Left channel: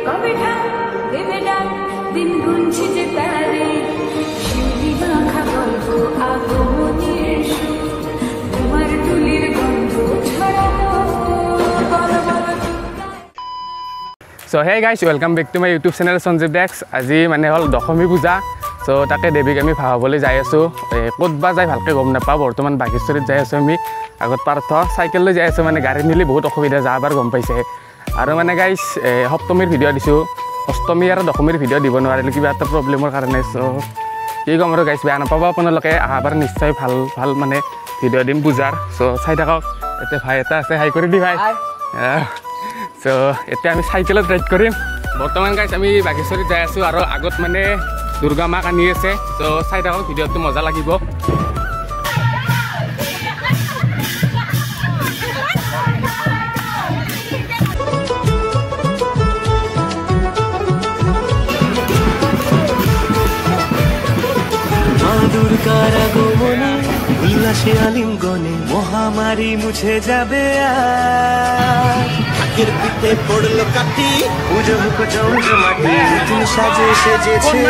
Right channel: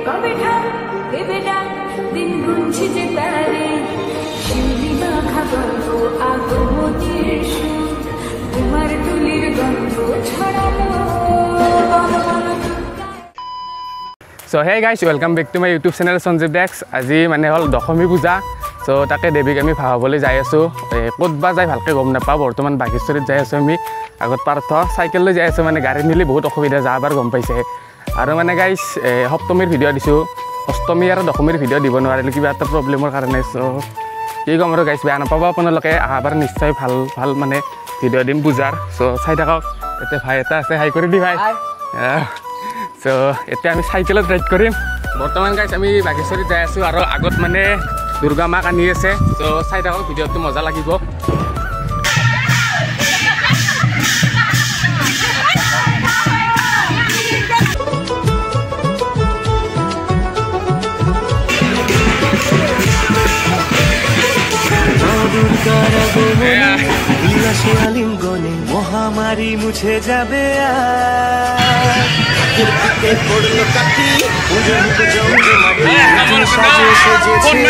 So hey guys, welcome back to my YouTube channel SANJIB Dex. আজি মানে হল Dhokhomi puja. So তাকে দেৱীক আমি ভাববলৈ যাই আছো। ক'তবা যাই ভালকে গম নাপাও। বৰ্তমান বাঘেশ্বৰীত যাই আছো আমি। আগত পাৰ্থ সাইকেল লৈ যাই আছো মানে গাড়ী নিলি বহুত অসুবিধা যাবাৰ গম পাইছে। আৰু মানে গাইস সপ্তমীৰ ভিডিও দিছো। অষ্টমী আৰু দশমীৰ ভিডিও দিব নোৱাৰিলে কিবা এটা প্ৰবলেমৰ কাৰণে। সো কি কম আৰু গাইস বেয়া নাপাব আপোনালোকে আহাবাৰ নিশ্চয় ভাল মানে ভিডিও দিম পূজাৰ। সো চাই থাকক। এতে ভাই এটা আছে হাই কৰি দি ভাই। So এটা আমি সাইকেলত রাইড করিম বর্তমান গাইস আমি বাঘেশ্বরী যাই আছো আর আগত মানে দুর্গা মা কানি আছে তো চাই থাকক ভিডিওটো মজা লাগিব দুর্গার আগমনে উল্লাসে আলিঙ্গনে মহামারী মুছে যাবে আগের পিঠে পড়লো কাঠি পুজো মুখ জমজমাটি সাজে সেজেছে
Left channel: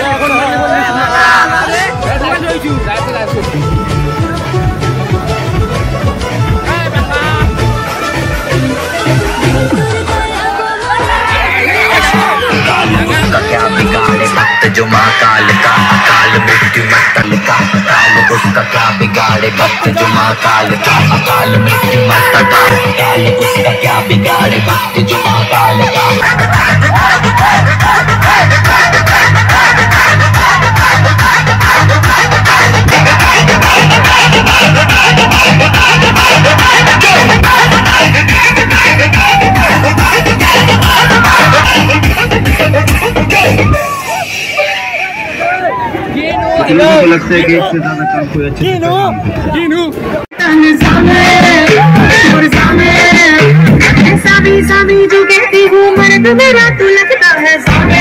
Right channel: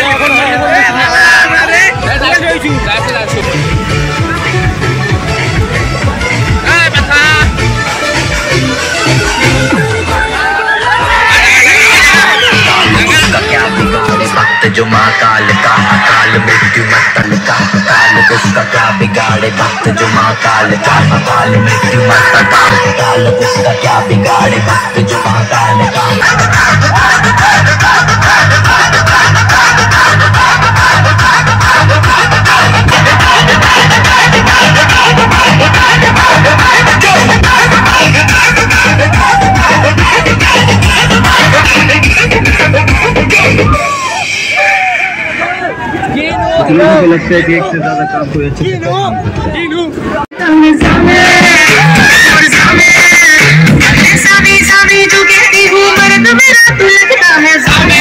क्या बिगाड़े भक्त जो महाकाल का अकाल मृत्यु मत्तल का काल उसका क्या बिगाड़े भक्त जो महाकाल का अकाल मृत्यु मत्तल का काल उसका क्या बिगाड़े भक्त जो महाकाल का मुझे लगता है कि एक से ज्यादा काम कोई अच्छा सामी जो कहती हूँ मर्द मेरा तू लगता है सामे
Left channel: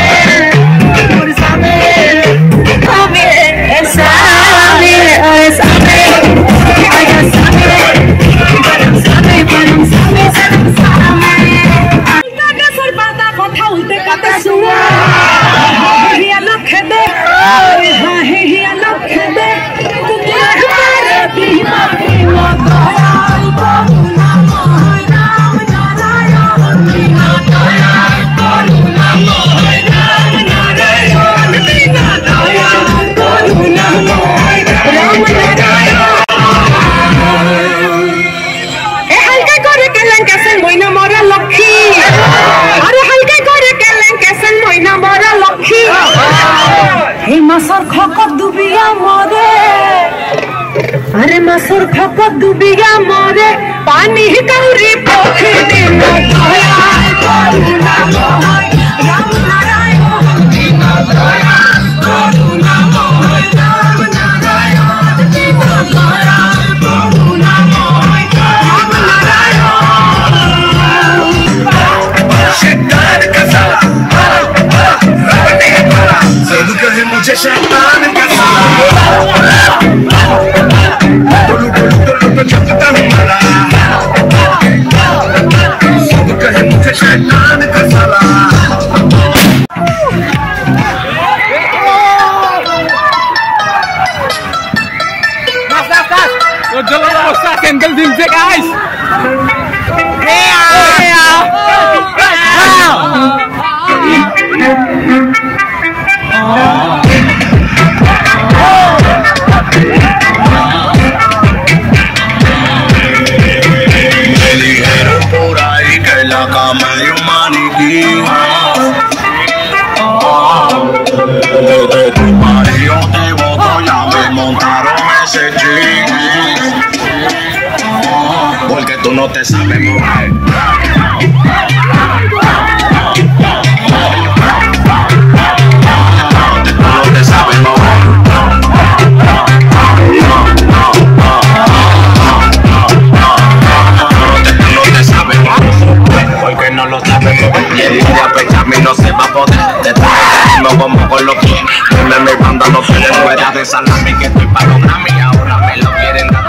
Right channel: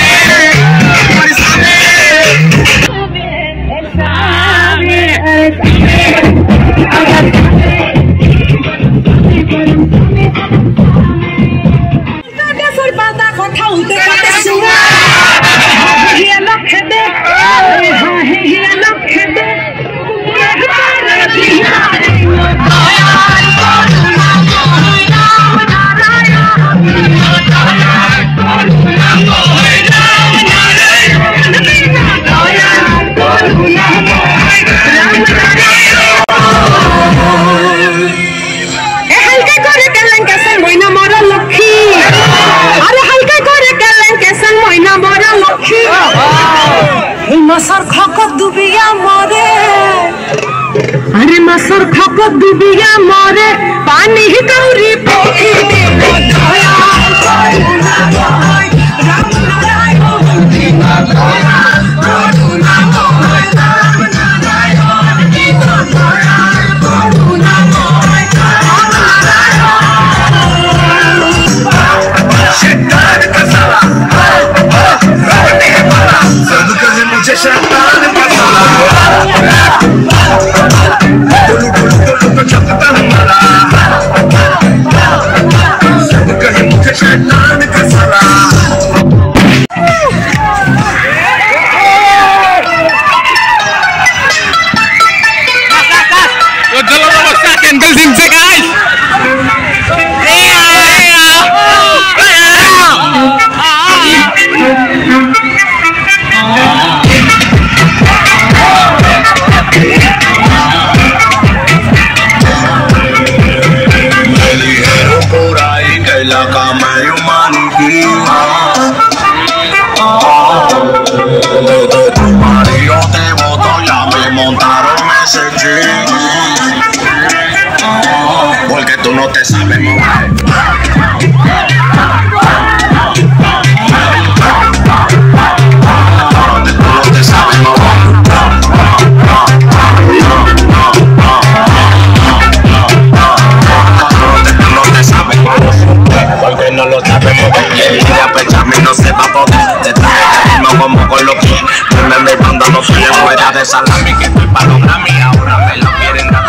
अरे मसर खपत डूबिया मोरे पानी ही कौरी पोखी मुझे शैतान का साला चलता हमारा सब कहे मुझे शैतान का साला कैंडल दिन से गाइस तुम्हारी होते वो तो या me montaron ese jeep porque tú no te sabes mover tú no te sabes mover porque no lo sabes mover y a pechar mí no se va a poder como con los que me dando no se le fuera de salami que estoy para los Grammy ahora me lo quieren dar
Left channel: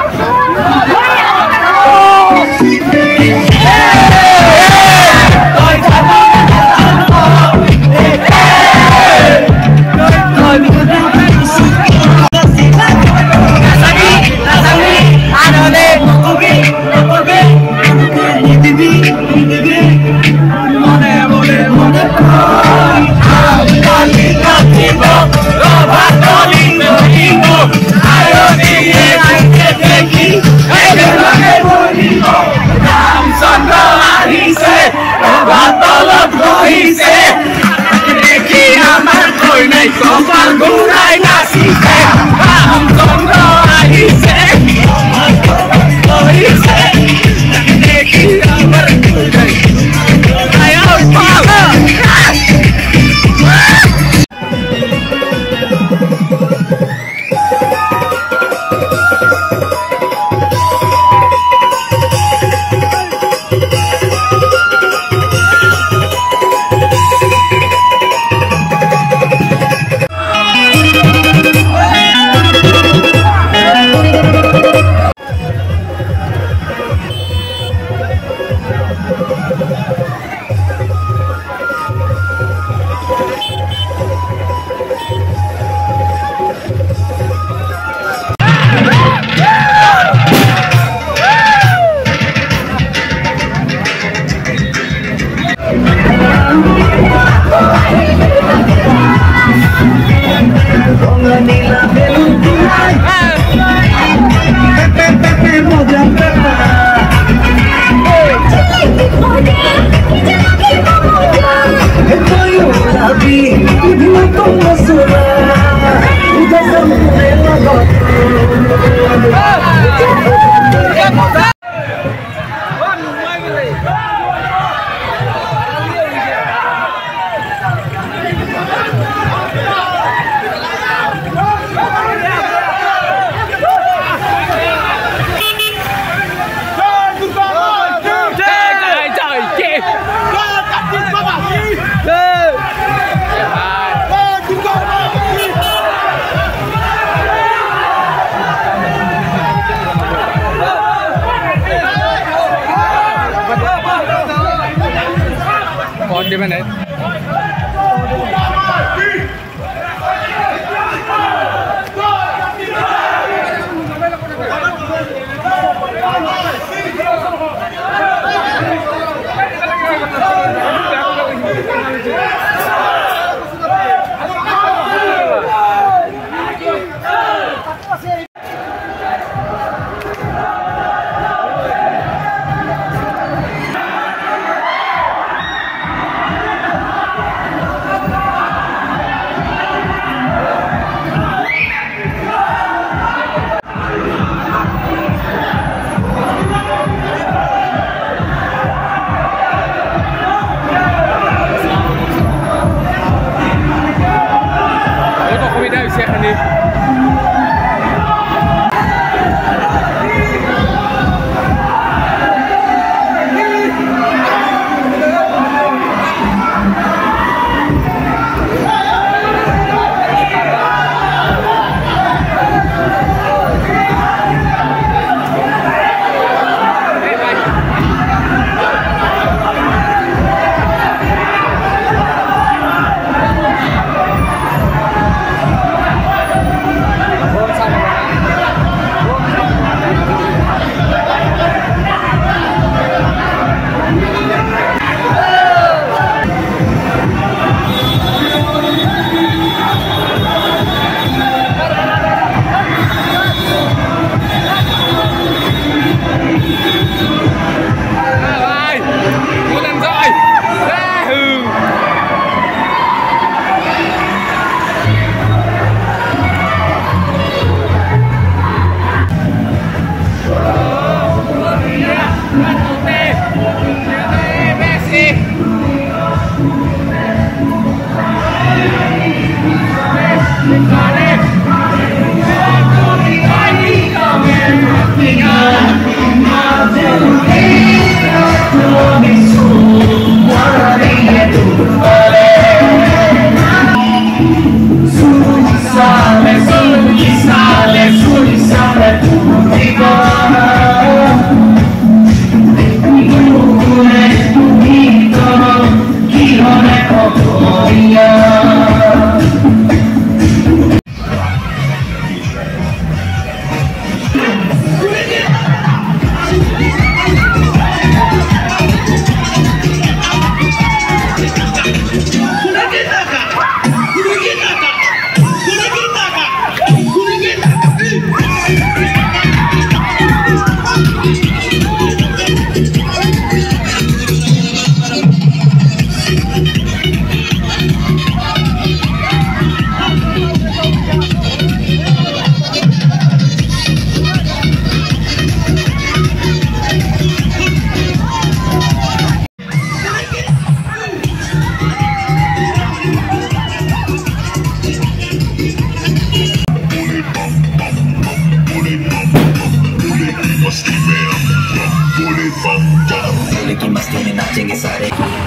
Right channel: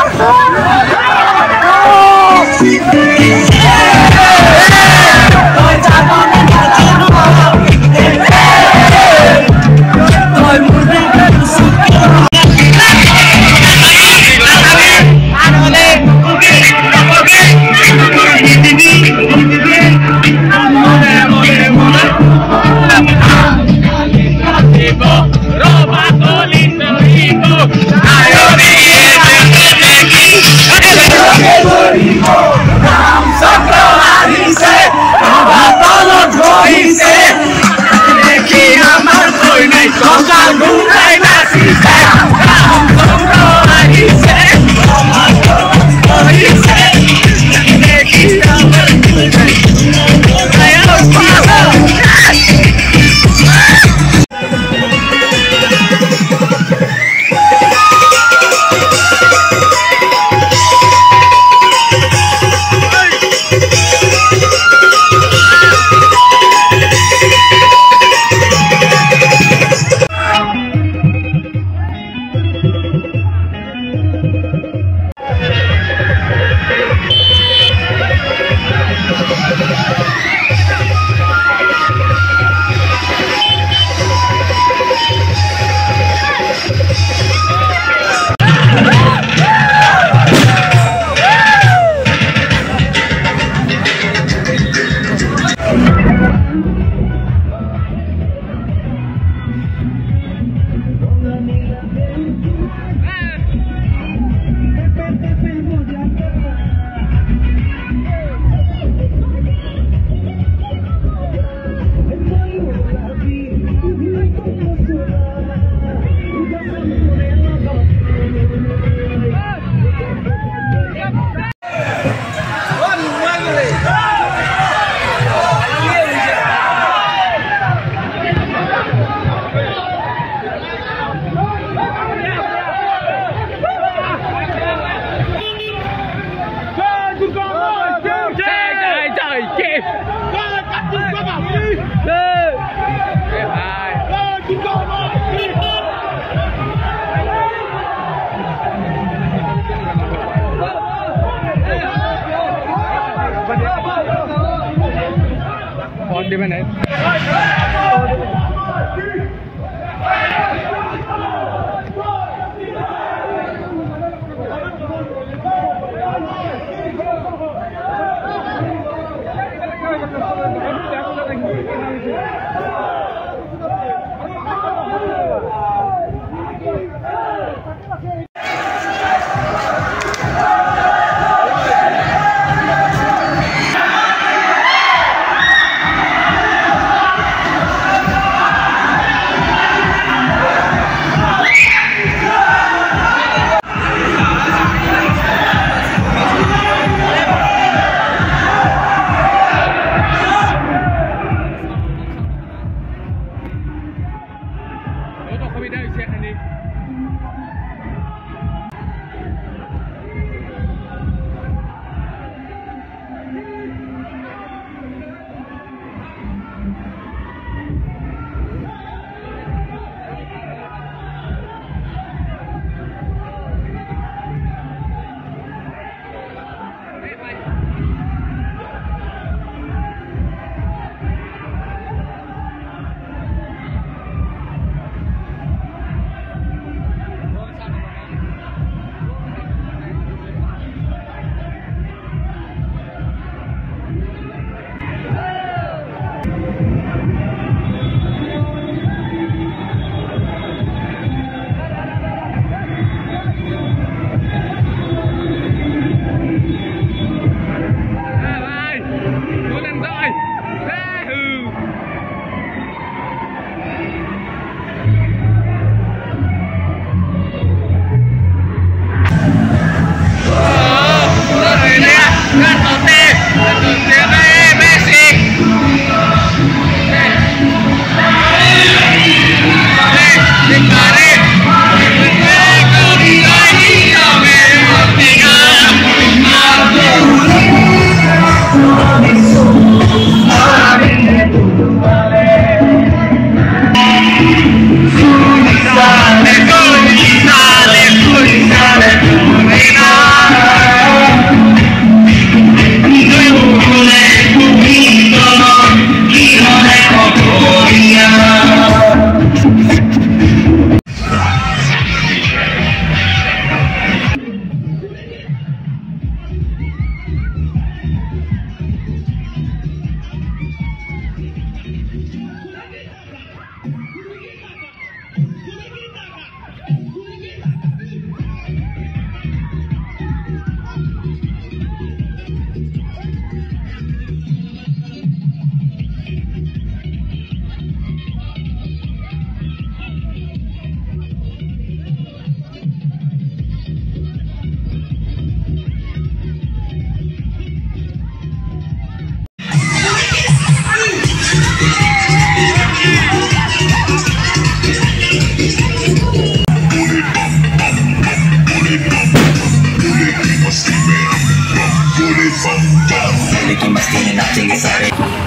vote দিবে নাই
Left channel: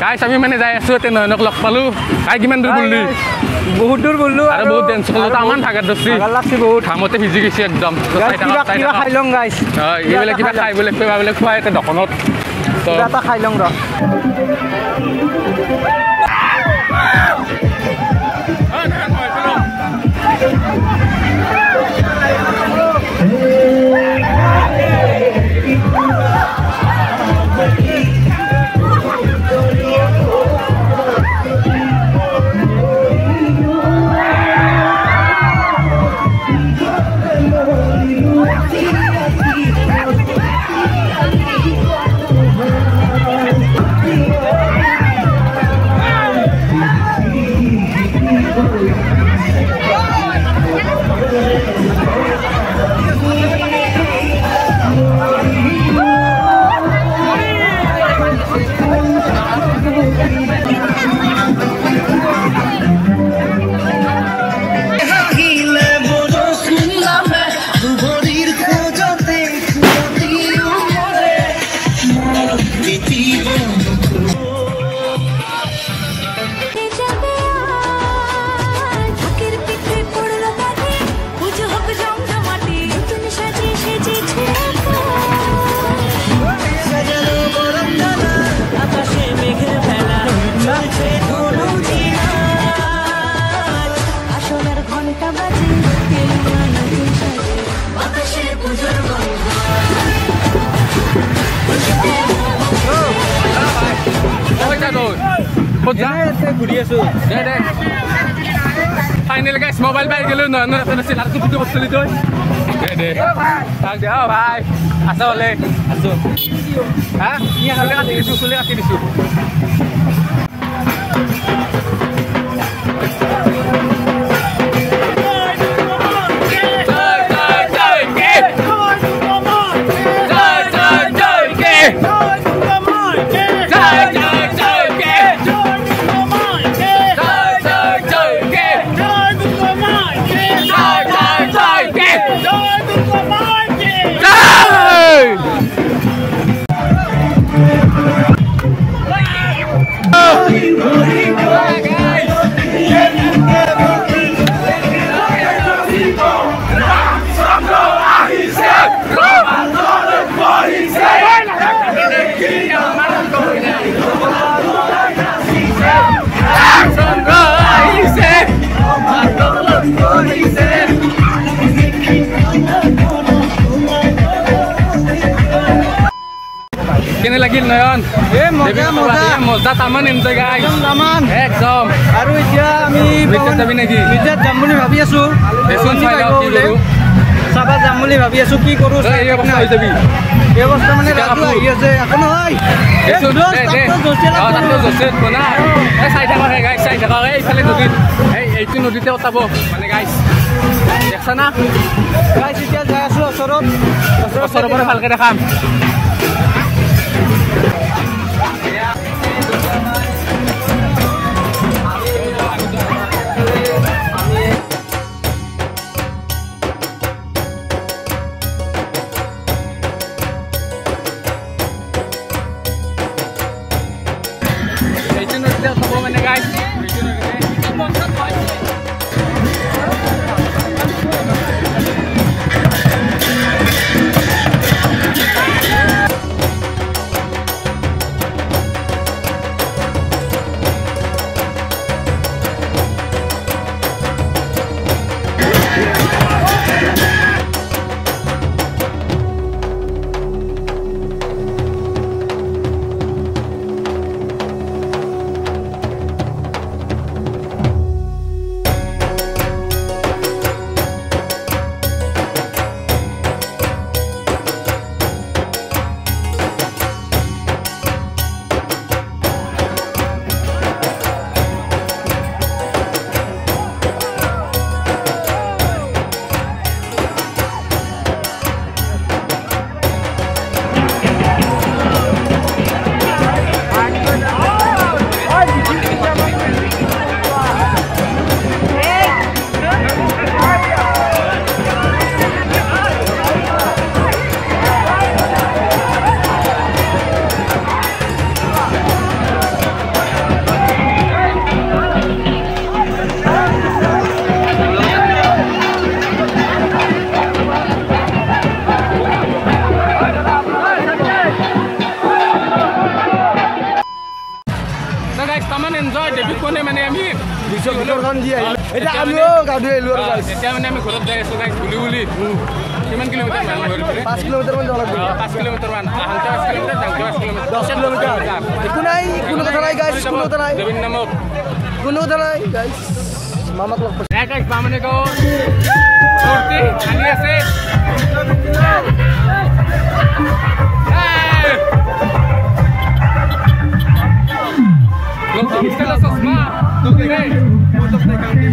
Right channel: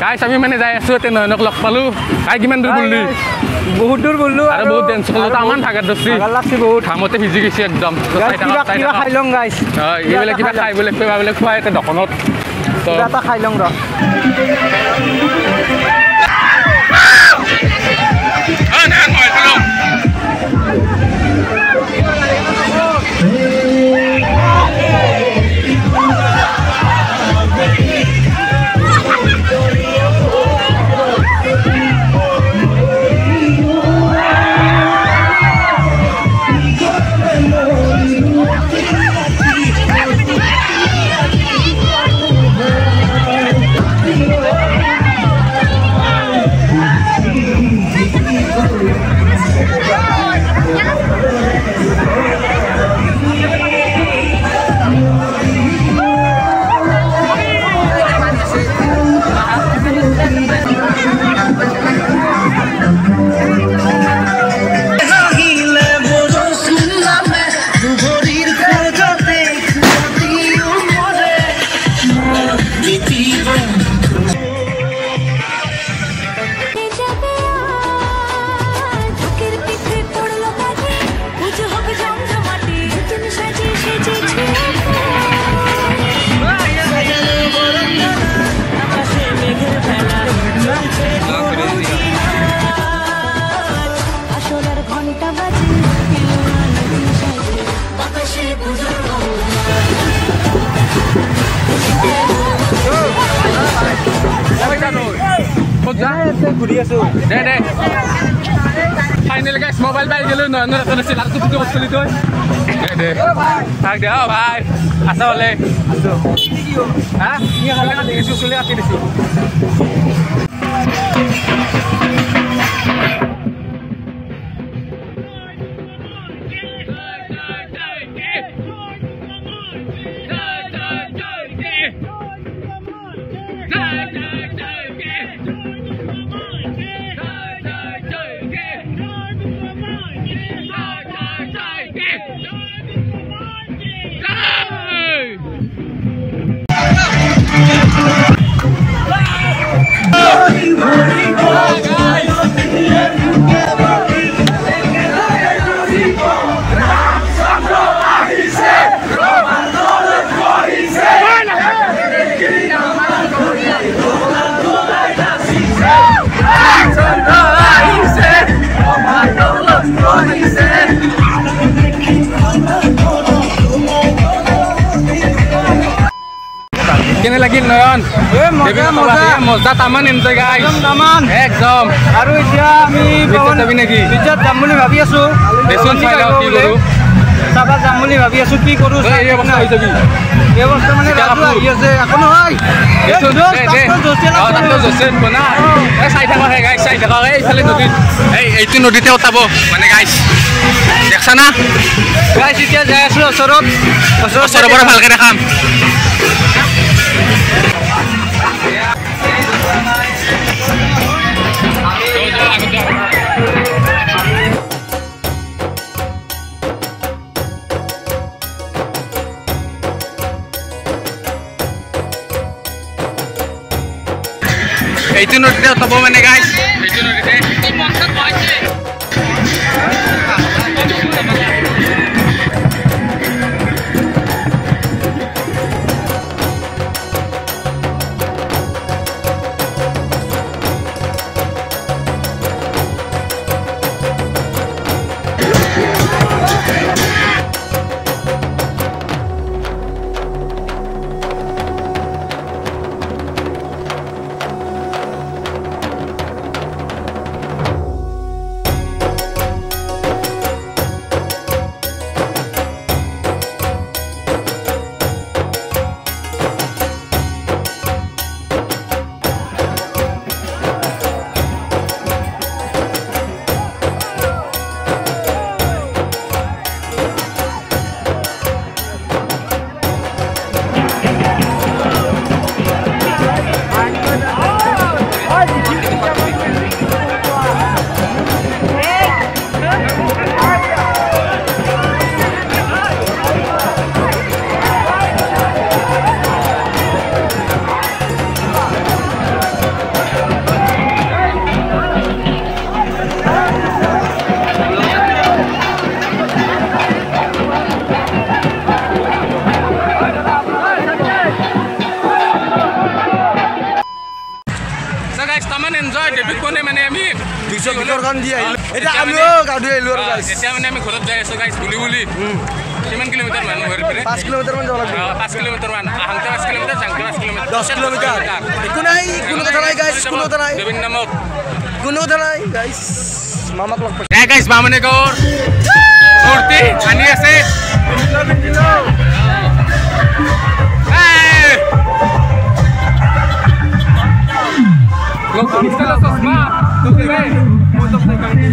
গাইছ আমি মানে যাই আছো তে নয়নক লগ পালো কাই কিমান দূৰ গ'লি বহুত দূৰ গ'লো আৰু বহুত টেনচন হ'ল তামান ভাগাত দছি ভাগাৰ লাগছি বহুত ঘামতে ভিজি গৈছে একদম কিবা খাই লং গাইছ এইবিলাক কিবা খাই বোলে খুৱাই এটা দোকানত কিবা এটা খাই লং ৰ ক'ত যা ঘূৰি আছো দে ফাইনেল গাইছ মোবাইল পাই গেলো নয়নৰ এখন আছিল আৰু ভিডিঅ' কৰিছিলি তই দে থাক দে ভাই আছা হ'লে আছো হা চুলি কাটি দিছোঁ কেনে লাগিল নয়ন মজা তামান এনজয় গাইছ একদম আৰু এতিয়া আমি যাবি নেকি বিজাত যাম বুলি ভাবি আছো দেচোন চাই লওঁ কি কৰোঁ চাবা যাম বুলি ভাবি আছো কি কৰোঁ এই অৱস্থা হৈ যাবি এই অৱস্থা মানে ৰাজু আহি আছে একো নহয় চাই থাকক হে গাইছ চাই থাকক এইফালে নদীত এইটো নদীতে উঠাব মানে গাইছ দেখছা না গাইছ এতিয়া যাই আছো ওচৰৰ পৰা ভালকে দেখাম এইটো নদীতে উঠাব মানে গাইছ এইটো নদীতে তামান এনজয় ডেবিট কোনে মানে আমি 200 গলৰ গান দি আহিলো এটা আমিও গাড়ী আহিলো আৰু গাইছ এতিয়া মানে আমি ঘৰত যাই আছো গাইছ বুলি কিমান কিলোমিটাৰ মান ঘৰৰ পৰা 5 কিলোমিটাৰ মান যাব লাগিব 5 কিলোমিটাৰ মান আহংতে 5 কিলোমিটাৰ জাংকে 5 কিলোমিটাৰ 10 কিলোমিটাৰ একো নাই কোনো কথা নাই গাইছ কোনো কথা নাই দেবিন নামক কোনো কথা নাই গাইছ মামাক লগ পাই নাই গাইছ মামনে গৰ মূৰ্তি আনি আছে Lo que viste las osma, lo que ve, fotos de canti.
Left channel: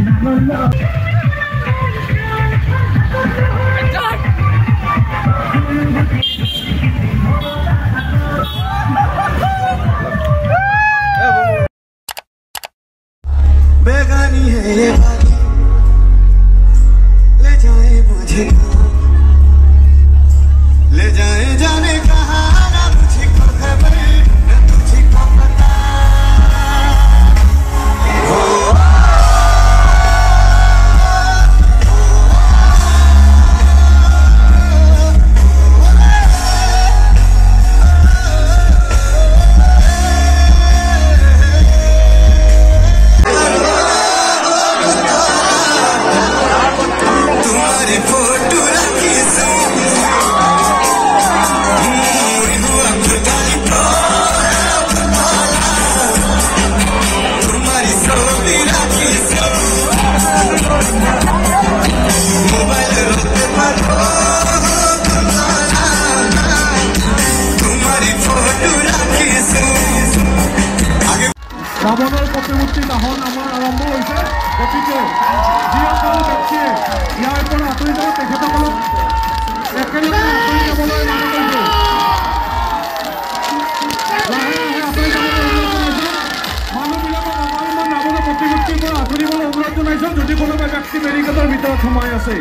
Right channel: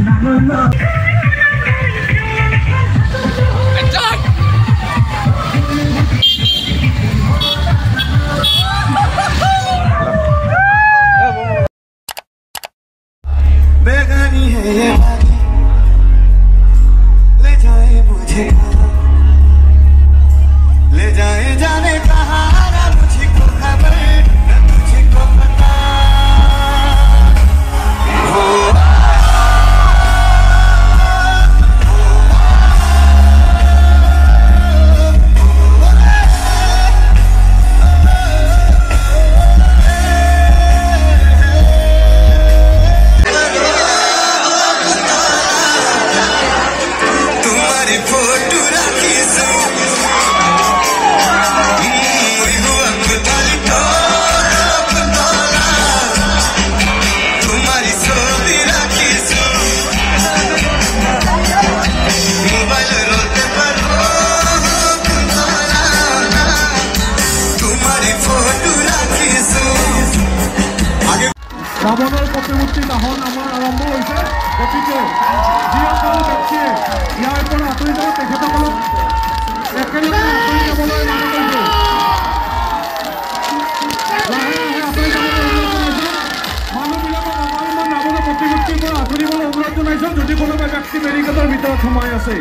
Enjoy. बेगानी है ये बात ले जाए मुझे ले जाए जाने कहाँ ना मुझको खबर ना तुझको पता ৰাৱণৰ প্ৰতিমূৰ্তি দাহন আমাৰ আৰম্ভ হৈছে গতিকে যিসকল ব্যক্তিয়ে ইয়াৰ পৰা আঁতৰি যাব তেখেতসকলক একেলগে আঁতৰি যাবলৈ মানা কৰিছোঁ লাহে লাহে আঁতৰি যাবলৈ অনুৰোধ জনাইছোঁ মানুহবিলাকক আমাৰ ৰাৱণৰ প্ৰতিমূৰ্তিৰ পৰা আঁতৰিবলৈ অনুৰোধ জনাইছোঁ যদি কোনোবা ব্যক্তি বেৰিকেডৰ ভিতৰত সোমাই আছে